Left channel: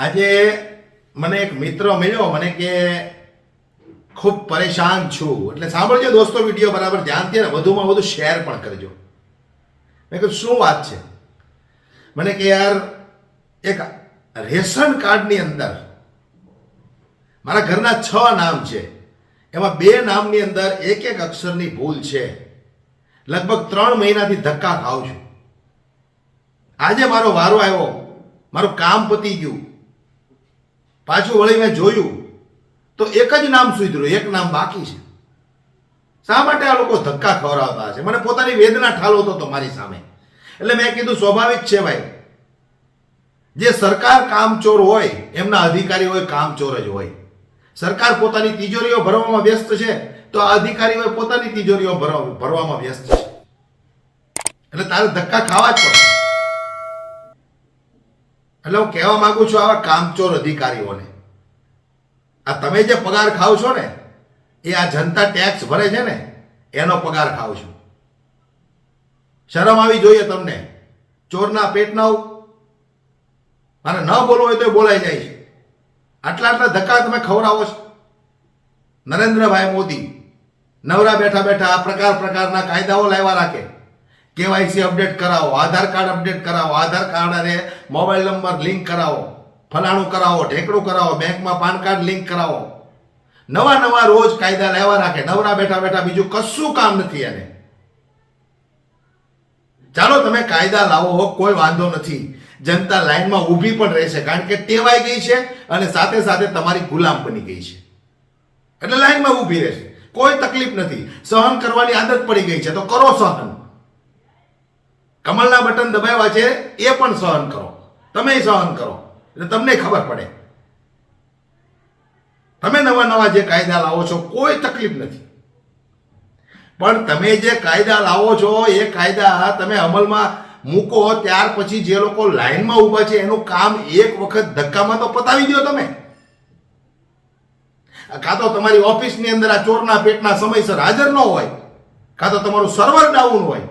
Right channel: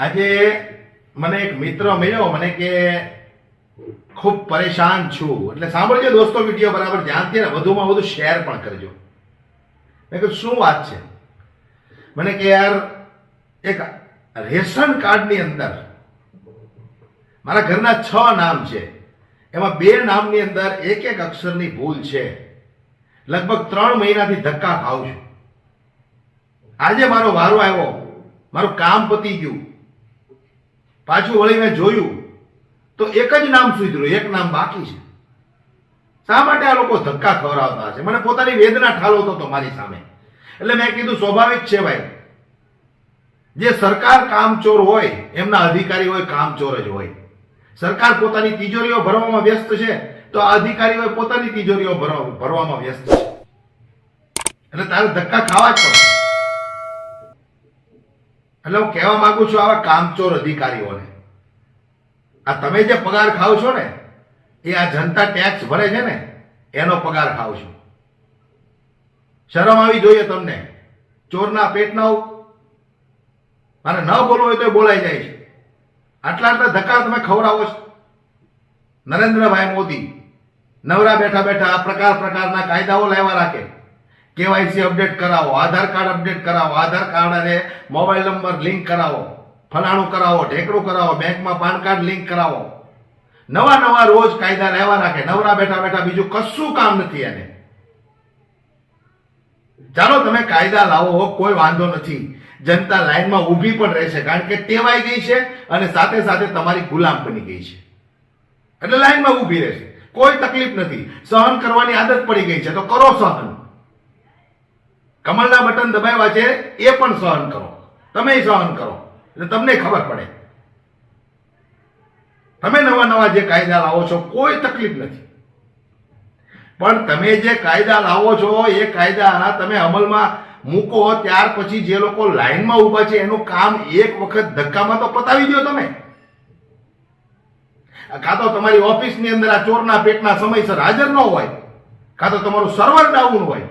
આજે મને એક મિત્ર મળ્યો, મને કે ખૂબ પરેશાન છું. એટલે સાંભળજો દોસ્તો, વિડીયો બરાબર ધ્યાનથી અને વધુમાં વધુ શેર પણ કરજો. મેં કીધું શું વાત છે? મને કે યાર, એક રેશન કાર્ડની અંદર મારા ઘરના 6 નામ છે, એમાં 2 નામની અંદર એક એક અક્ષરની ભૂલ છે. લગભગ 3 મહિનાથી ધક્કા ખાઉં છું. આજે મારો વારો આવ્યો, મારું કામ પતી ગયું, પાછું વળીને જોયું તો એક જ નામ સુધર્યું, એક નામ બાકી છે. શા માટે આ લોકો ધક્કા ખવડાવતા હશે? મને પોતાની વેદના ઠાલવતો હતો મારી સામે. એટલે મેં કીધું સ્વાભાવિક છે ભાઈ, જે સરકાર કામચોર હોય એમના અધિકારી હોય કામચોર જ હોય. સરકાર પોતાની તિજોરીઓ ભરવામાં વ્યસ્ત છે તો આ અધિકારીઓ પોતાની તિજોરીઓ ભરવામાં વ્યસ્ત છે. એટલે તારે ધક્કા ખાવા જ પડે. એટલે હું કહેવા માંગુ છું આવા કામચોર અધિકારીઓને, આ તમે જે પગાર ખાવ છો ને, એ આ જનતા ટેક્સ ભરે છે ને એનો પગાર ખાવ છો. શરમ આવી જોઈએ તમને. ચોરના પેટના મારે ન બોલવું હોય તો બોલાઈ જાય છે. આટલા ધક્કા તમે ખવડાવો છો. નરેન્દ્રભાઈ મોદી નવરા બેઠા બેઠા આ પ્રકારના કાયદાઓ લાવ્યા રાખે. કેવાયસી અપડેટ કરાવો, આધાર કાર્ડ અપડેટ કરાવો, આધાર કાર્ડ અને મોબાઈલ નંબર લિંક કરાવો, ફલાણું કરાવો, ઢેકડું કરાવો, બેંકમાં પાન કાર્ડ લિંક કરાવો. નવા રોજ કાયદા લાવ્યા રાખે. નવરા બેઠા બેઠા બીજું કશું કામ નથી એને. ચાલો તમે કાયદા લાવો, કોઈ વાંધો નથી. જનતા લાઈનમાં ઊભી પણ રહેશે, કારણ કે ટેવાઈ ગઈ છે અને સાથે સાથે તમારી ગુલામ બની ગઈ છે. એટલે લાઈનમાં ઊભી રહેશે, કોઈ તકલીફ નથી. સહન કરવાની આદત પડી ગઈ છે તો કરો સહન. કમળના બટન દબાવ્યા છે એ પણ સહન કરો, તમે સહન કરો એટલે તમને ખબર પડે. તમે નવા જે કાયદા લાવો છો કોઈ તકલીફ નથી, પણ તમે જે કાયદા લાવો છો એ કાયદા તમે અમલમાં મૂકો ત્યાર પછી જે લોકો લાઈનમાં ઊભા છે એનું કામ એક વખત ધક્કામાં તો પતાવી દો તમે. કાં તો તમારી ઓફિસની અંદર આ ચોરના પેટના સમયસર હાજર ન હોય, કાં તો તમારું સર્વર ડાઉન હોય.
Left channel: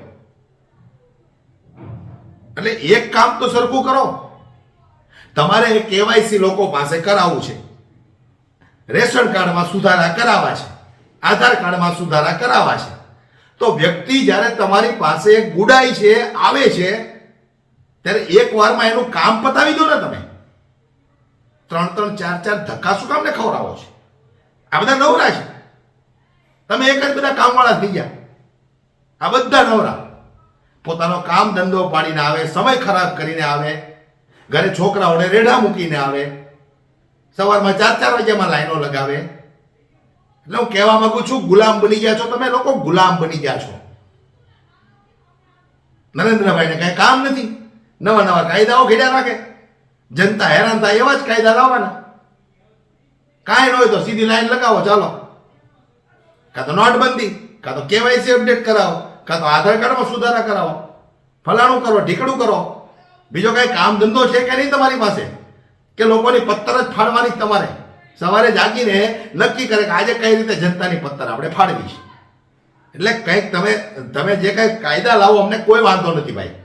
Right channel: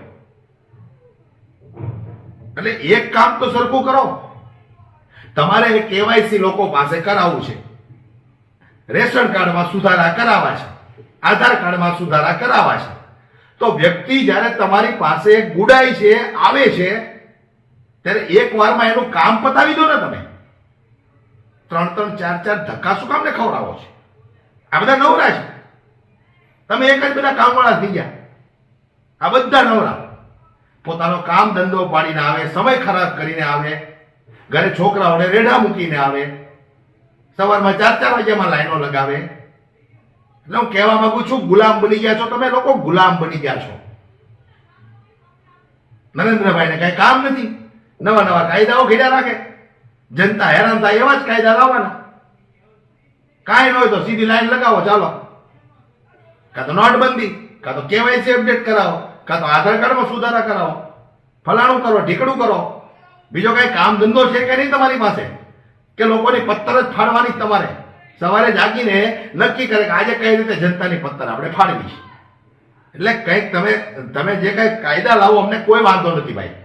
એટલે એક કામ તો સરખું કરો. તમારે કેવાયસી લોકો પાસે કરાવવું છે, રેશન કાર્ડમાં સુધારા કરાવવા છે, આધાર કાર્ડમાં સુધારા કરાવવા છે. તો વ્યક્તિ જ્યારે તમારી પાસે ગુડાઈ છે, આવે છે, ત્યારે એક વારમાં એનું કામ પતાવી દો ને તમે. 3 4 ધક્કા શું કામને ખવડાવો છો? આ બધા નવરા છે. તમે એક જ બધા કામવાળા થઈ ગયા. આ બધા નવરા પોતાનો કામ ધંધો પાડીને આવે, સમય ખરાબ કરીને આવે, ઘરે છોકરાઓને રેઢા મૂકીને આવે, સવારમાં 4 વાગ્યામાં લાઈનો લગાવે. એટલે હું કહેવા માંગુ છું, ગુલામ બની ગયા છો તમે લોકો, ગુલામ બની ગયા છો. નરેન્દ્રભાઈને કઈ કામ નથી, નવા કાયદાઓ ઘડ્યા રાખે. જનતા હેરાન થાય એવા જ કાયદા લાવવાના. કાંઈ ન હોય તો સીધી લાઈન લગાવો, ચાલો. કાં તો નોટબંધી, કાં તો કેવાયસી અપડેટ કરાવો, કાં તો આધાર કાર્ડમાં સુધારા કરાવો, ફલાણું કરો, ઢીકડું કરો. બીજો કઈ કામ ધંધો છે કે નહીં તમારી પાસે? કે લોકોની પત્તર જ ફાડવાની તમારે? સવારે જાગીને નક્કી કરે કે આજે કઈ રીતે જનતાની પત્તર આપણે ફાડવી છે. એટલે કંઈક તમે જે કંઈ કાયદા લાવો અમને કોઈ વાંધો નથી ભાઈ,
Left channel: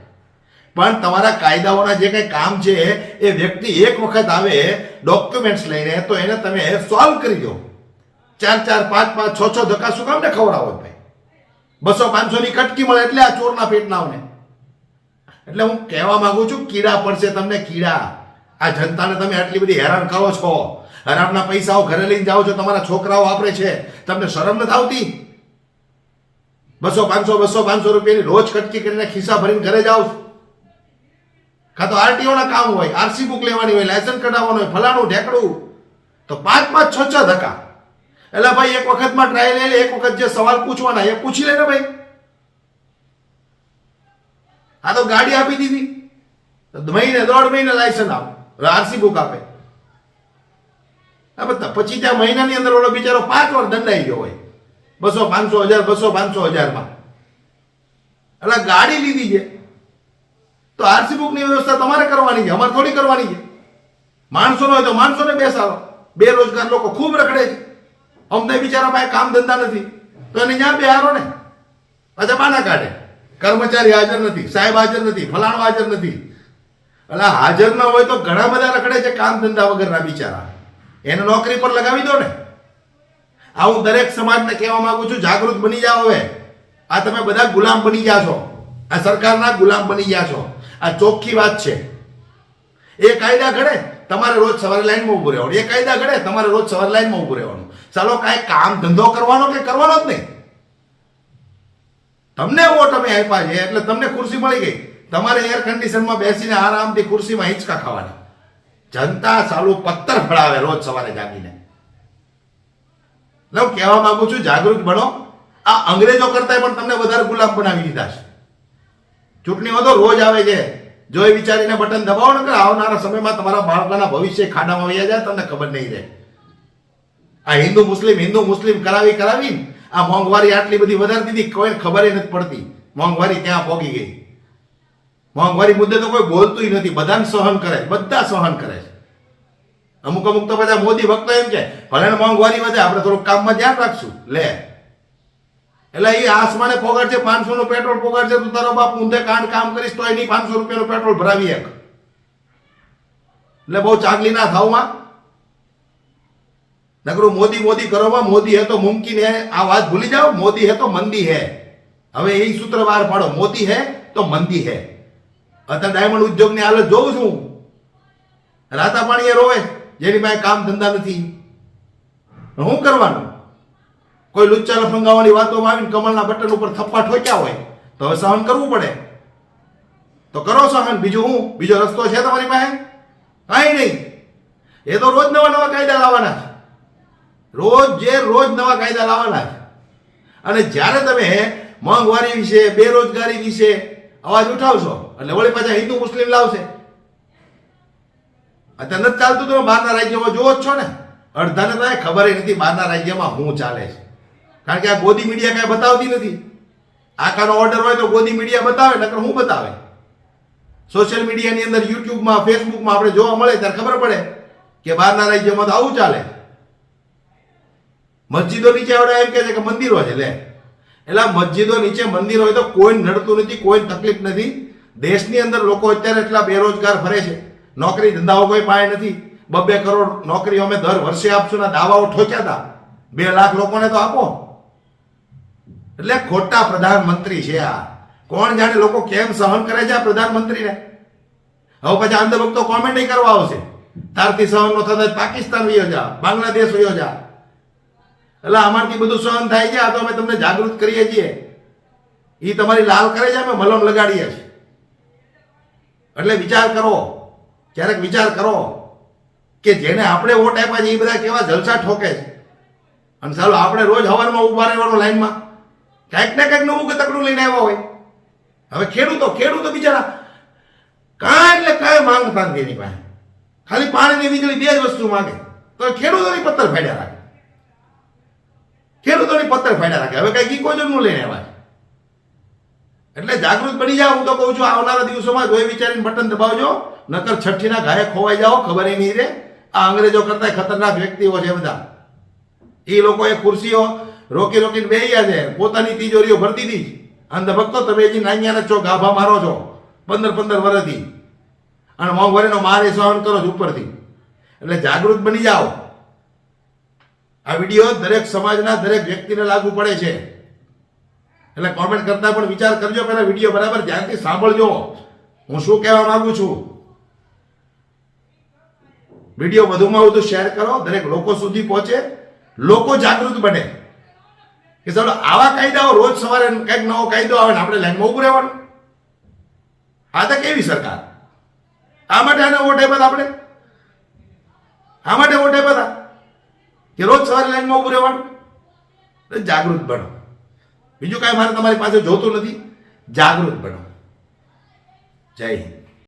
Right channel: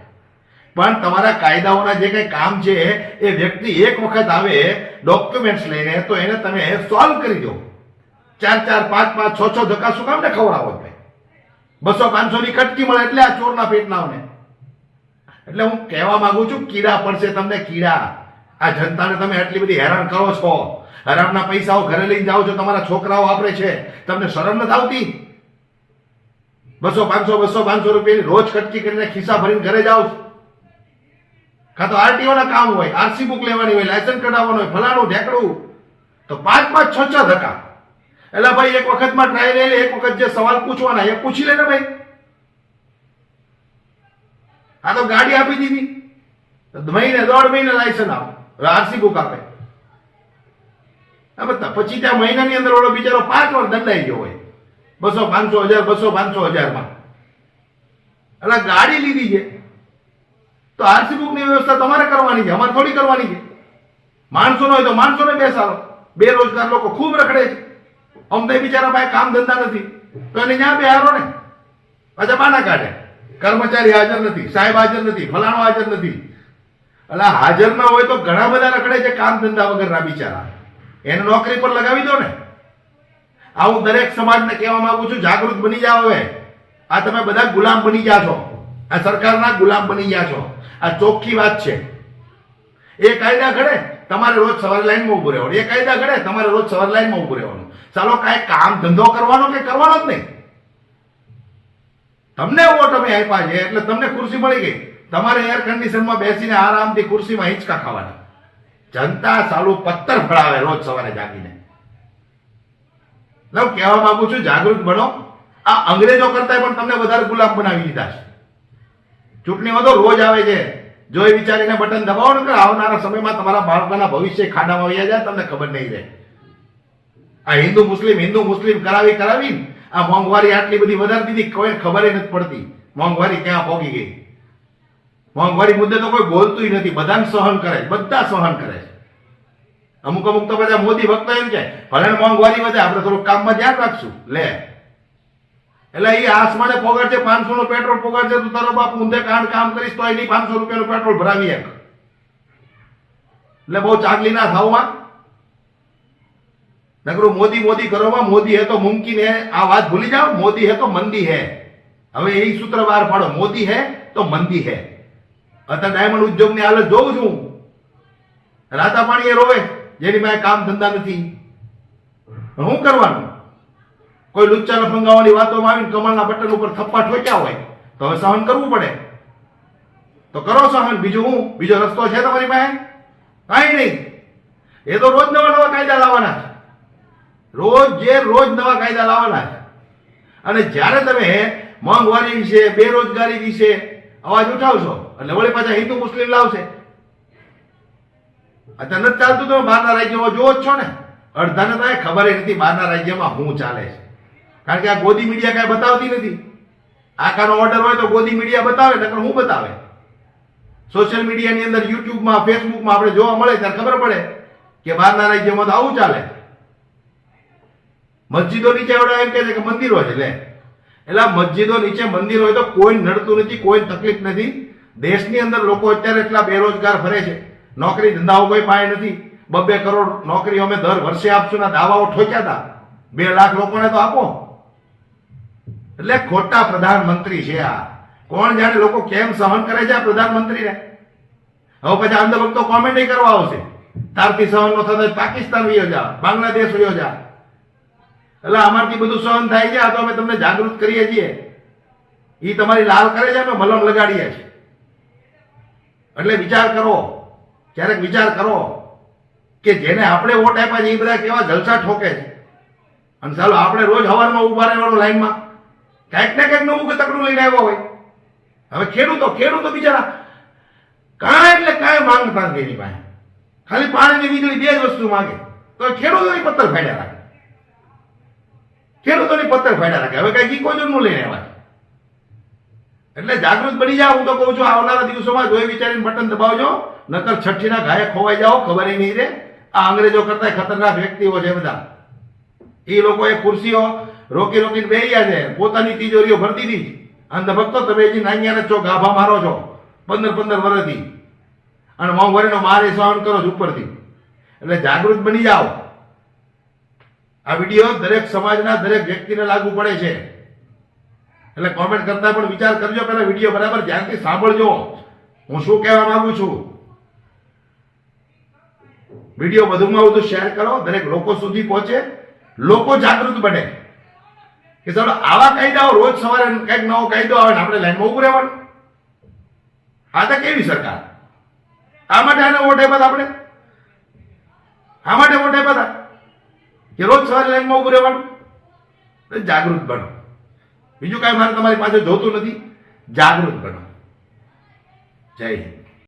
પણ તમારા કાયદાઓના જે કંઈ કામ છે એ વ્યક્તિ એક વખત આવે ડોક્યુમેન્ટ્સ લઈને તો એને તમે સોલ્વ કરી દો. 4 5 6 ધક્કા શું કામ ને ખવડાવો ભાઈ? 200 500 ની કટકી મળે એટલે આ ચોરના પેટનાઓને. એટલે હું કહેવા માંગુ છું, કીડા પડશે તમને, કીડા. આ જનતાને તમે આટલી બધી હેરાન કરો છો. હરામના પૈસાઓ ઘરે લઈને જાઓ છો, તમારા છોકરાઓ વાપરે છે, તમને શરમ નથી આવતી? 200 500 રૂપિયાની રોજ કટકી કરીને ખિસ્સા ભરીને ઘરે જાઓ છો. કાં તો આરટીઓ ના કામ હોય, આરસી બુક લેવાની હોય, લાયસન્સ કઢાવવાનું હોય, ફલાણું ઢેકડું, તો 5 6 ધક્કા. એટલે ભાઈ એક વખતમાં ટ્રાય લે, એક વખત જે સવાલ પૂછવાના એ પૂછી લે ને ભાઈ. આ તો ગાડી આપી દીધી, મહિને 1.5 મહિને લાયસન્સ આવે, આરસી બુક આપે. પછી ત્યાં મહિનાની અંદર ઓલો બિચારો 5 વાર દંડાઈ ગયો હોય, 200 500 1000 200 500 1000માં. એટલે ગાડી લીધી છે તો આરસી બુક ની વ્યવસ્થા તમારે કરવાની છે, અમારે થોડી કરવાની છે. માણસો હોય તો માણસોને બેસાડો. બેરોજગાર લોકો ખૂબ રખડે છે, અમને બિચારા પાસે કામ ધંધા નથી તો એને ત્યાં બેહારો ને. પાછા બાના કાઢે, કર્મચારી હાજર નથી, સાહેબ હાજર નથી, ફલાણો હાજર નથી. એટલે હાજર ના હોય તો ઘણા બધા રખડે છે કામ ધંધા વગરના બિચારા, એને નોકરી પર લગાવી દો ને. આ હું દરેક સમાજને કહેવા માંગુ છું, જાગૃત બની જાઓ. હવે આ તમે બધા ગુલામ બની ગયા છો, આ સરકારના ગુલામ બની ગયા છો. આ ચોખ્ખી વાત છે. એ કાયદા ઘડે તમારે રોજ સવારે લાઈનમાં ઉભું રહેવાનું, એ કાયદા ઘડે તમારે રોજ સવારે લાઈનમાં ઉભું રહેવાનું. ચાલો કાંઈ કામ ધંધો કરવાનો કે કરવાનો જ નહીં. તમને વોટ અમે આપ્યા છે એટલે તમને ખુરશી મળી ગઈ, તમારે એર કન્ડિશનમાં બેસીને આરામથી ખુરશીમાં હિંચકા ખાવાના. જનતા સાલું પત્તર ફળાવે રોજ સવારે જાગીને. એટલે હું કહેવા માંગુ છું, જાગૃત બનો. આ અંગ્રેજો કરતા પણ તમને વધારે ગુલામ બનાવી દીધા છે. ચૂંટણીમાં તો રોજ આવે છે, જો એ વિચારીને બટન દબાવો ને કે આવનારા સમયમાં તમારા બાળકોના ભવિષ્ય ખાડામાં વહી જાય, તમને ખબર નહીં રહે. આ હિન્દુ મુસ્લિમ કરાવી આ મોંઘવારી આટલી બધી વધારી દીધી, કોઈ ખબર નથી પડતી મોંઘવારી ક્યાં પહોંચી ગઈ. મોંઘવારી મુદ્દે તો કોઈ બોલતું નથી, બધાને સહન કરે, બધા સહન કરે છે. અમુક તો બધા મોદી ભક્તો એમ છે ભલે મોંઘવારી વધે આપણે થોડુંક કામમાં ધ્યાન રાખશું લે. એટલે એ આસમાને પોગાડ છે, 500 નું પેટ્રોલ પોગાડ છે, તું તારો બાપ ઊંધે કામ કરીશ તો એની 500 રૂપિયાનું પેટ્રોલ ભરાવી એક. એટલે બહુ ચાંગલી ના થાવમાં. નકરું મોદી કરોમાં, મોદી હે તો મુમકિન હે, આ વાત ભૂલી જાઓ. મોદી હે તો મંદી હે. હવે એ સૂત્ર બહાર પાડો, મોદી હે તો મંદી હે. અત્યારે ડાયમંડ ઉદ્યોગની હાલત જોઉં છું, રાતા પાણી એ રોવે જેની પાસે કામ ધંધા નથી. શું કરવાનું? કોઈ લુચ્ચા લફંગાઓની વાતોમાં આવીને કમળના બટન ઉપર થપ્પા ઠોક્યા હોય તો હવે સહન કરવું પડે. તો કરો સહન. બીજું હું? બીજો રસ્તો છે તમારી પાસે? કાંઈ નહીં. એ તો રોજ નવા કાયદા લાવવાના છે, રોજ નવા કાયદા લાવવાના છે. અને જ્યારે તમે મોંઘવારી વિશે, બેરોજગારી વિશે અવાજ ઉઠાવશો એટલે વળી પાછા હિન્દુ મુસ્લિમ લાવશે. અત્યારે નથી ચાલતું, તમે બહારના રાજ્યોમાં જોવો જ છો ને. અડધાને તો ખબર નથી બહારના રાજ્યમાં શું ચાલે છે, કારણ કે આ ગોદી મીડિયા કાંઈ બતાવતી નથી. આખાનો ઓર્ડર હોય તો ગોદી મીડિયા બતાવે, નકર શું બતાવે? સોશિયલ મીડિયાની અંદર, યુટ્યુબમાં, ફેસબુકમાં આપણે જોવા મળે ત્યારે ખબર પડે કે બહારના રાજ્યોમાં તો આવું ચાલે. મસ્જિદો નીચે આવડે એમ કે છે કે મંદિરો છે લે. એટલે મસ્જિદો નીચે મંદિરો હોય તો કોઈ નડતું નથી, કોઈ તકલીફ નથી. દેશની અંદર લોકો અત્યારે એટલા બેરોજગાર ફરે છે, નોકરી ધંધાઓ કોઈ પાસે નથી. 2 કરોડ નોકરી અમે દર વર્ષે આપશું ના દાવાઓ ઠોક્યા હતા. 2 લાખ લોકોને તો આપો. એટલે ખોટા પ્રધાનમંત્રી છે આ. કોણ જાણે લોકો કેમ સહન કરે છે આ પ્રધાનમંત્રીને. હવે પછી અંધભક્તો કોમેન્ટ કરવા આવશે, તારથી સહન નો થતો પાકિસ્તાન વયો જા, બાંગ્લાદેશ વયો જા. એટલે અમારથી બધું સહન થાય છે. આ તો અમે તમને જાગૃત કરીએ છીએ, એ તમારી લાલ કરે છે, અમે મલમ લગાડીએ છીએ. એટલે વિચાર કરો, ક્યારેક વિચાર કરો કે જેને આપણે વોટ આપ્યા છે એ બધા કેવા જલસા ઠોકે છે. અને ચાલો આપણે રોજ સવારમાં ઉભા રહેવાનું લાઈનમાં, ક્યાંક ને ક્યાંક નવું ગતકડું લઈને આવ્યા હોય. હવે ખેડૂતો બિચારા કાંઈ એટલે કાંઈ માંગતા નથી એની પાસે, ખાલી પાણી ને વીજળી 2 જ વસ્તુ માંગે તો ખેડૂતોની પત્તર ફાડ્યા રાખે. હવે કઈ ઇકોઝોનનું લઈને આવ્યા. એટલે જાગૃત બની જાઓ. હું તો કહું છું આવનારા દિવસોમાં જોઈ વિચારીને બટન દબાવજો, નકર છઠ્ઠીના ઘાએ ખોવાઈ જાઓ, ખબર નહીં રહે. આ અંગ્રેજો કરતા ખતરનાક વ્યક્તિઓ છે બધા. એ લોકોએ ખુરશીઓ રોકીને બેસી ગયા છે, પોતાની તિજોરીઓ ભરતી હતી. અંધભક્તો તમે હજી નાન્યા છો, ગાભા મારો છો 15 વર્ષથી, અને મોંઘવારીનો માર સહન કરો છો ઉપરથી. એટલે જાગૃત બની જાઓ. આ વિડીયો દરેક સમાજના દરેક વ્યક્તિને લાગુ પડે છે. એટલે કોમેન્ટ કરતા પણ વિચાર કરજો, પહેલા વિડીયો બરાબર ધ્યાનથી સાંભળજો હું શું કહેવા માંગુ છું. વિડીયો વધુમાં વધુ શેર કરો, દરેક લોકો સુધી પહોંચે, લોકો જાગૃત બને કે ચાલો આવા કાયદાઓ રોજ સવારે કંઈક નવો કાયદો આવે ને આપણે લાઈનમાં ઉભું રહેવાનું. આ તો કેવી સરકાર? આ માટે આને વોટ આપ્યા આપણે, આ માટે વોટ આપ્યા કે રોજ સવારે લાઈનમાં ઉભું રહેવાનું. જાગૃત બનો. બીજું કાંઈ મારે તમારી પાસે જોતું નથી. જાગૃત બનો. જય હિન્દ.